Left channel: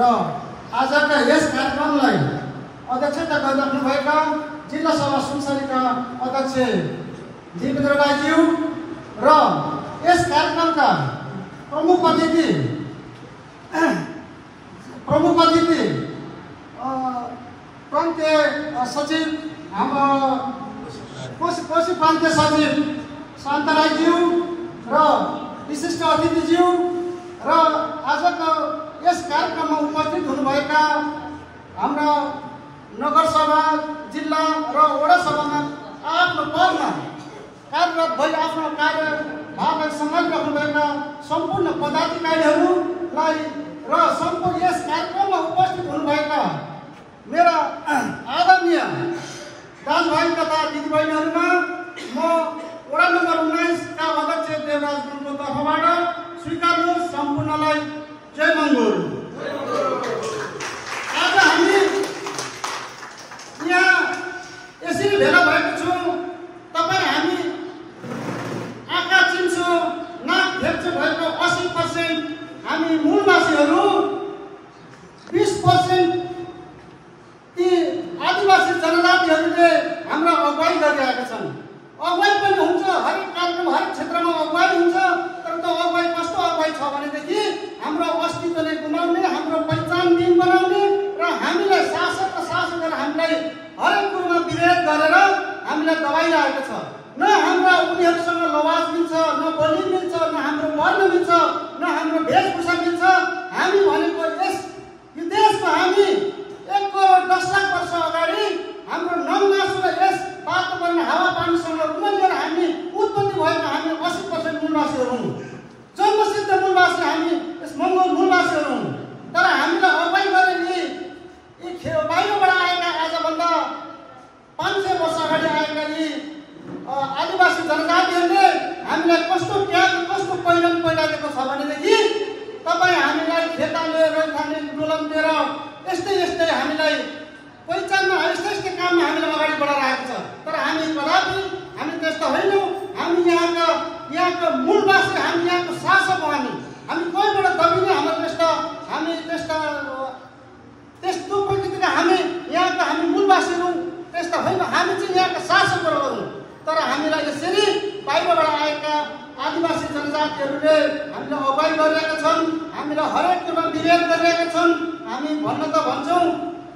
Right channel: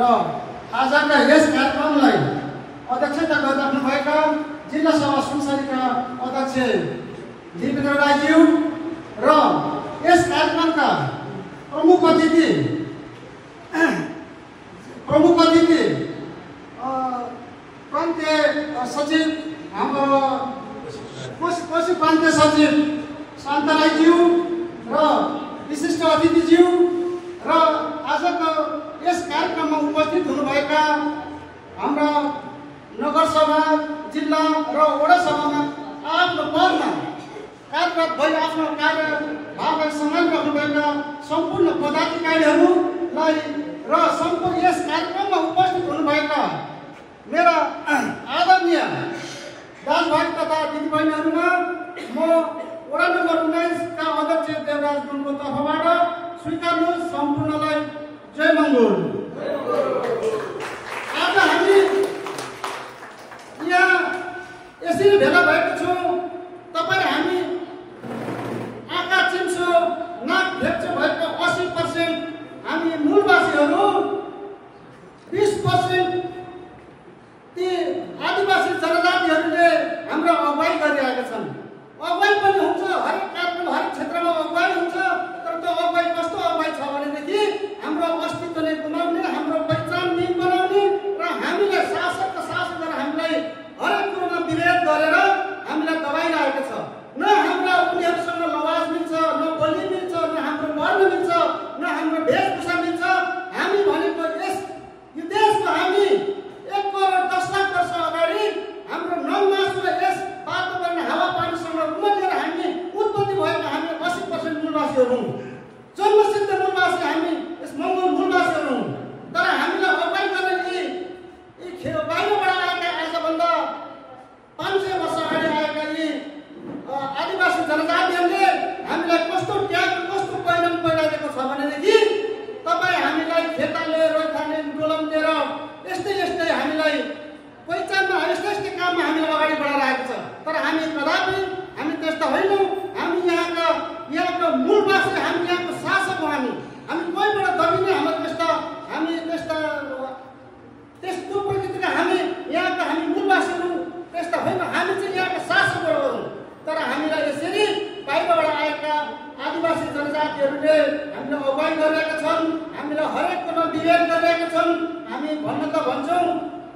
र आजका यस कार्यक्रमलाई अध्यक्षता गरिराख्नुभएका जिल्ला सभा सुनसरीका अध्यक्ष दिपेन्द्र राईज्यू र यस कार्यक्रमका प्रमुख अतिथि प्रान्तीय सचिव हाम्रो कोशी प्रान्तीय सचिव शान्त राईज्यू र विशिष्ट अतिथिज्यू र आजको यस कार्यक्रममा उपस्थित हुनुभएका हाम्रा नगरसभा जिल्ला र वडा सभामा आफ्नो पदमा कार्यरत भई आफ्नो कार्यभारलाई सम्हालिराख्नुभएका सम्पूर्ण पदाधिकारीहरूलाई र सम्पूर्ण यस कार्यक्रममा उपस्थित हुनुभएका मेरा आदरणीय दाजुभाइ तथा दिदीबहिनीहरूमा म वडा नम्बर 19 का अध्यक्ष देवराज गुरुङको तर्फबाट स्वीकार्नुहोस् सम्पूर्णलाई जय मङ्गल। आज हामी यहाँ यसरी भेला भएको छौँ। तपाईँ हामी आँखा चिम्छो नाक भेट्छौँ भएको 80% हामी मूलवासीहरू 20% ती आदिवासी जनजातिहरूले हाम्रो अगुवाई गरिरहेका छन्। अगुवाई पनि हुन्छ, हरेक कार्यक्रम हरेक क्षेत्रमा अगुवाई हुन्छ। तर त्यो अगुवाई कस्तो अगुवाई छ भनेदेखि हाम्रो अस्तित्वले गुमाउने, हाम्रो पहिचान दिन बनाउने र हामीलाई शासक र शासकले हामीलाई हरेक कुरोमा विभेद गरेर हामीलाई दबाइरहेको छ। न हाम्रा उनीहरूसँग लवाज मिल्छ, न बोली मिल्छ, न हाम्रो वर्ण मिल्छ, न हाम्रो वेशभूषा मिल्छ। हामी भनेको यो देशको हामी 1 करोड 10 लाख वर्ष अगाडि हाम्रो नौमासु र यस वातावरण हावापानीसँग उम्लिएर हामी उत्पत्ति भएका हामी 80% मूलवासीहरू हौँ। जन्मसिद्ध मूलवासी हामी यस मङ्गोल मूलवासीहरू हौँ। तर हामीलाई अगुवाई गर्ने यी बाहिरबाट आएका आजभन्दा 500 वर्ष अगाडि आएका यी आदिवासी जनजातिहरूले हामीलाई कस्तो त्याग कस्तो पहिरन पहिराइदिएको छ भनेदेखि तपाईँ हामीलाई खेताले रैथाने डोलम दिएर यस्तै हामीलाई पहिचानमा यस्तै काममा हामीलाई अगाडि बढाइरहेको छ। तर हामी कदापि हामी त्यस्ता होइनौँ। हामी यहाँका मूलवासी, हामी यहाँको शासक हो। हामी कोहीबाट दबिने हामी त्यस्तो प्रकृतिका हामी यहाँका हामी मूलवासीहरू त्यस्ता होइन। हामी चाहिँ यहाँका शासकहरू हौँ। तर हामीलाई यसरी बाहिरबाट आएका आदिवासी जनजातिहरूले हामीलाई अगुवाई गरिरहेका छन्, हामीलाई हरेक कुरामा विभेद गरिरहेका छन्। हामी भन्न त भन्छौँ,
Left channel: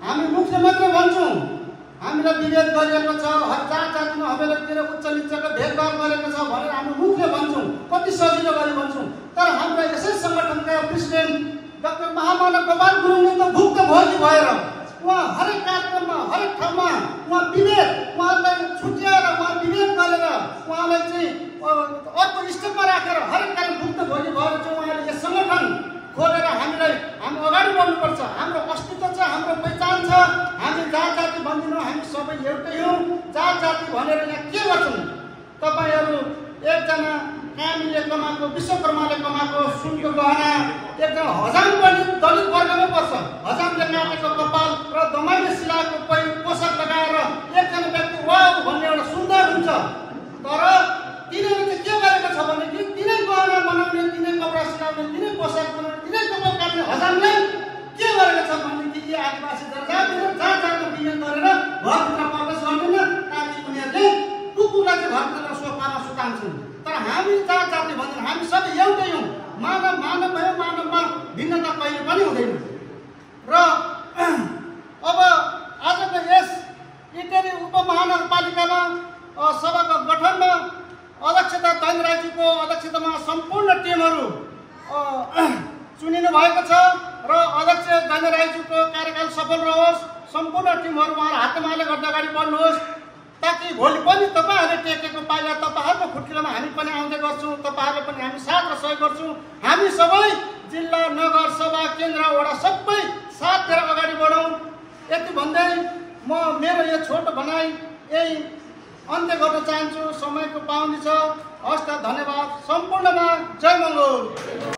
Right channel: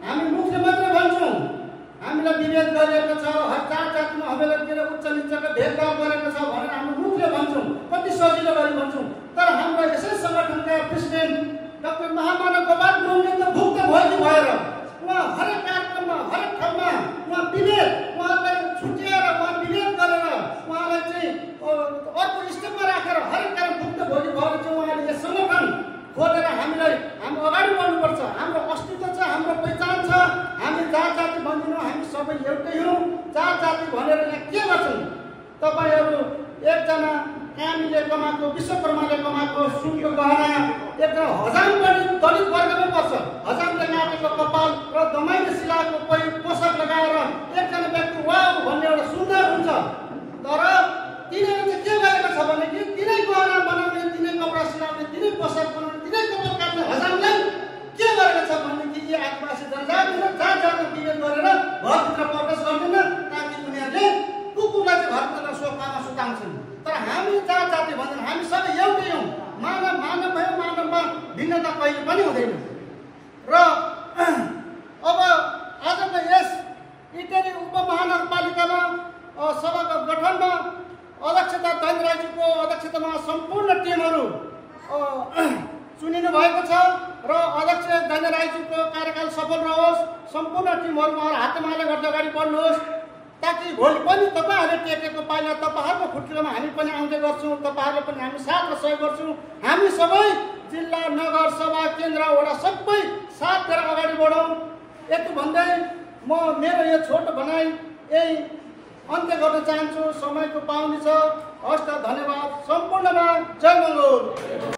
हामी मुखले मात्र भन्छौँ हामीलाई विभेद गरिरहेको छ, जात जातिमा हवेलीतिर उच्च निचको भेदभाव गरेको छ भनेर हामी मुखले भन्छौँ, कति सजिलो गरी भन्छौँ। तर हाम्रा यसै सङ्गठनका प्रेसिडेन्ट डाक्टर महामानव गोपाल गुरुङले त भुक्त भोगी भएर उहाँ हरेक कार्यक्रममा हरेक ठाउँमा उहाँ उहाँलाई छुट्याएर उहाँ विभेद गरेर उहाँलाई चाहिँ अर्को स्टेपमा राखेर हरेक कार्य भुक्त भोगी भएर चाहिँ उहाँले यस सङ्गठन खोलेर हामीलाई हामी अगाडि बढ्नुपर्छ। हाम्रो अस्तित्व छ, हाम्रो पहिचान छ। हामी जात जाति भन्दैनौँ, हामी सबै एउटै हौँ। जात जाति भनेर यहाँ के गर्छौँ? तपाईँहरू एकजना कामीले कमाएको, विश्वकर्माले कमाएको सुनको गहना एकदम हजाम पनि दलित वर्गमै पर्छ। हजामले काटेको कपाल र दमाईले सिलाएको पोसाक लगाएर एकजना व्यक्ति वाउ भन्ने एउटा सुन्दर हुन्छ। तर तिनीहरूले चाहिँ के गरेको छ भनेदेखि तिनै गहना बनाउने, तिनै कपडा सिलाउने, तिनै पोसाक बनाउने, तिनै कपाल काट्ने हजामले के गरेको छ भनेदेखि यी आदिवासी जनजातिले जात जातमा विभेद गरेर घरभित्र प्रवेश गर्दैन ताकि उनीहरूले कुकुरलाई चाहिँ घरभित्र सोफामा सुताउँछन्। तर हामी जात जाति भन्दैनौँ, हामी सबै एउटै हौँ। मानव भयो, मानवमा भिन्नता कहिले पनि हुँदैन। र अब आजको यस इटेरी उपमहानगरपालिकामा सभाको गठनमा अध्यक्षता दैन राईजीको अध्यक्षतामा सम्पूर्ण टिमहरू चुनिनु भएको छ र अध्यक्ष दैन राईजीको कार्यकाल सफल रहोस्। सम्पूर्ण टिमहरू उहाँहरू हातमाले गर्दै अगाडि बढ्नुहोस् ताकि भोलि पनि तपाईँहरूले टेकेको पाइला तपाईँहरूको खुट्टीमा हामी पनि आउँदै गर्छौँ। तपाईँहरूले पनि हामी साथ र सहयोग गर्छौँ। हामी सबै जिल्ला नगर सभा केन्द्र वडा सबै साथ दिएर अगाडि बढौँ। यति भन्दै म मेरो यो छोटो भनाइ यही अन्त्य गर्न चाहन्छु। समयको पाउने छ। हस् त, धन्यवाद। सम्पूर्णमा जय मङ्गल।